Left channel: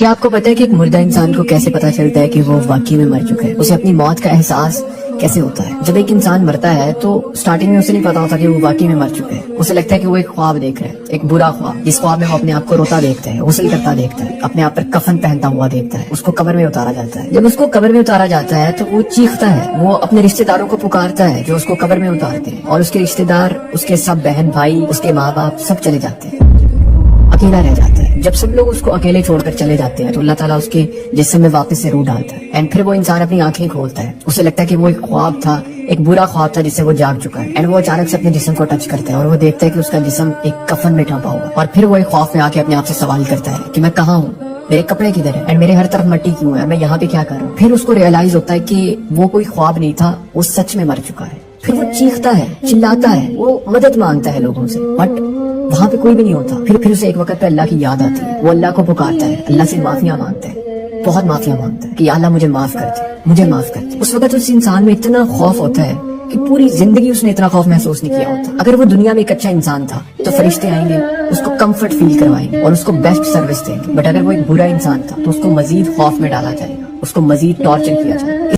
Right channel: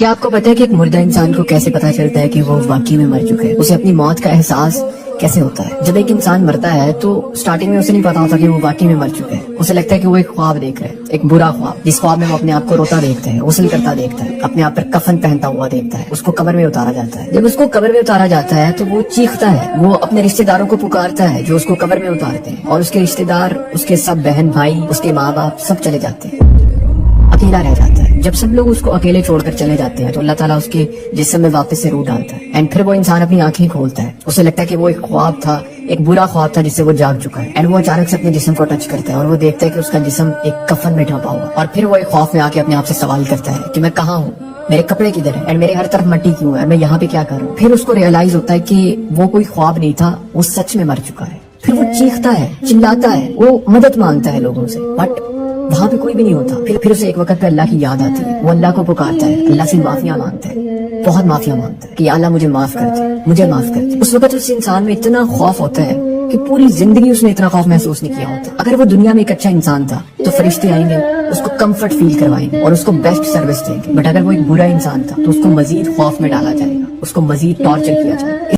کیا آپ کو پتا ہے کہ ایک مردہ انسان کو کیسے پتا چلتا ہے کہ وہ واقعی میں مر چکا ہے؟ اسے اپنی موت کا احساس کیسے ہوتا ہے؟ جب ایک انسان مرتا ہے تو سٹارٹنگ میں اسے نہیں پتا ہوتا کہ وہ واقعی میں مر چکا ہے. اسے لگتا ہے کہ وہ ایک خواب دیکھ رہا ہے, ایک برا خواب, جس خواب میں وہ اپنے آپ کو روتا دیکھتا ہے, غسل کرتا دیکھتا ہے, اپنے آپ پر کفن پہنتا ہوا دیکھتا ہے, اس کو قبر میں اتارا جاتا ہے. جب اس کو قبر میں اتارا جاتا ہے تو وہ چیختا ہے, وہ اپنے رشتہ داروں کو پکارتا ہے جو اس کو قبر میں اتارتے ہیں, اور اس کے رشتہ دار, اس کے سب بہن بھائی, اس کے ماں باپ سب چلے جاتے ہیں, اکیلا رہ جاتا ہے. جب سب لوگ اس کو اکیلے چھوڑ کر چلے جاتے ہیں تو اللہ تعالیٰ اس کے جسم میں واپس سے روح ڈالتا ہے, اینڈ پھر وہ انسان اپنی آنکھیں کھولتا ہے. اسے لگتا ہے کہ وہ ایک خواب تھا, ایک برا خواب تھا جس سے وہ جاگ چکا ہے, اینڈ وہ اچانک سے اپنے جسم کو ٹچ کرتا ہے اور وہ دیکھتا ہے کہ اس کا جسم ایک کفن میں ڈھانپا ہوا, اور پھر وہ ایک خوف میں آ کے اپنے آپ سے سوال کرتا ہے کہ میں کہاں ہوں, میرے کپڑے کدھر ہیں, اینڈ میرے ہر طرف مٹی کیوں ہے, میں یہاں پہ کیا کر رہا ہوں. پھر اس کو ریئلائز ہوتا ہے کہ وہ کوئی خواب نہیں تھا, وہ سچ میں مر چکا ہے. پھر وہ چیختا ہے, چلاتا ہے, وہ مدد مانگتا ہے لوگوں سے, بٹ وہاں پہ کوئی بھی نہیں ہوتا. پھر اسے ایک وقت پہ اللہ کی یاد آتی ہے, وہ اللہ کو پکارتا ہے, اللہ سے معافیاں مانگتا ہے, بہت معافیاں مانگتا ہے کہ یا اللہ مجھے معاف کر دے, مجھے معاف کر دے. اس وقت اس انسان میں اتنا خوف ہوتا ہے کہ پوری زندگی اس نے اتنا خوف محسوس نہیں کیا ہوتا. اگر وہ دنیا میں ایک اچھا انسان تھا تو فرشتے آئیں گے, اس کو کمفرٹ فیل کروائیں گے اور اس کو بیسٹ سروس دیں گے. بٹ اگر وہ ایک برا انسان تھا تو اس کو مزید خوف میں ڈالا جائے گا, اس کو مزید ٹارچر کیا جائے گا.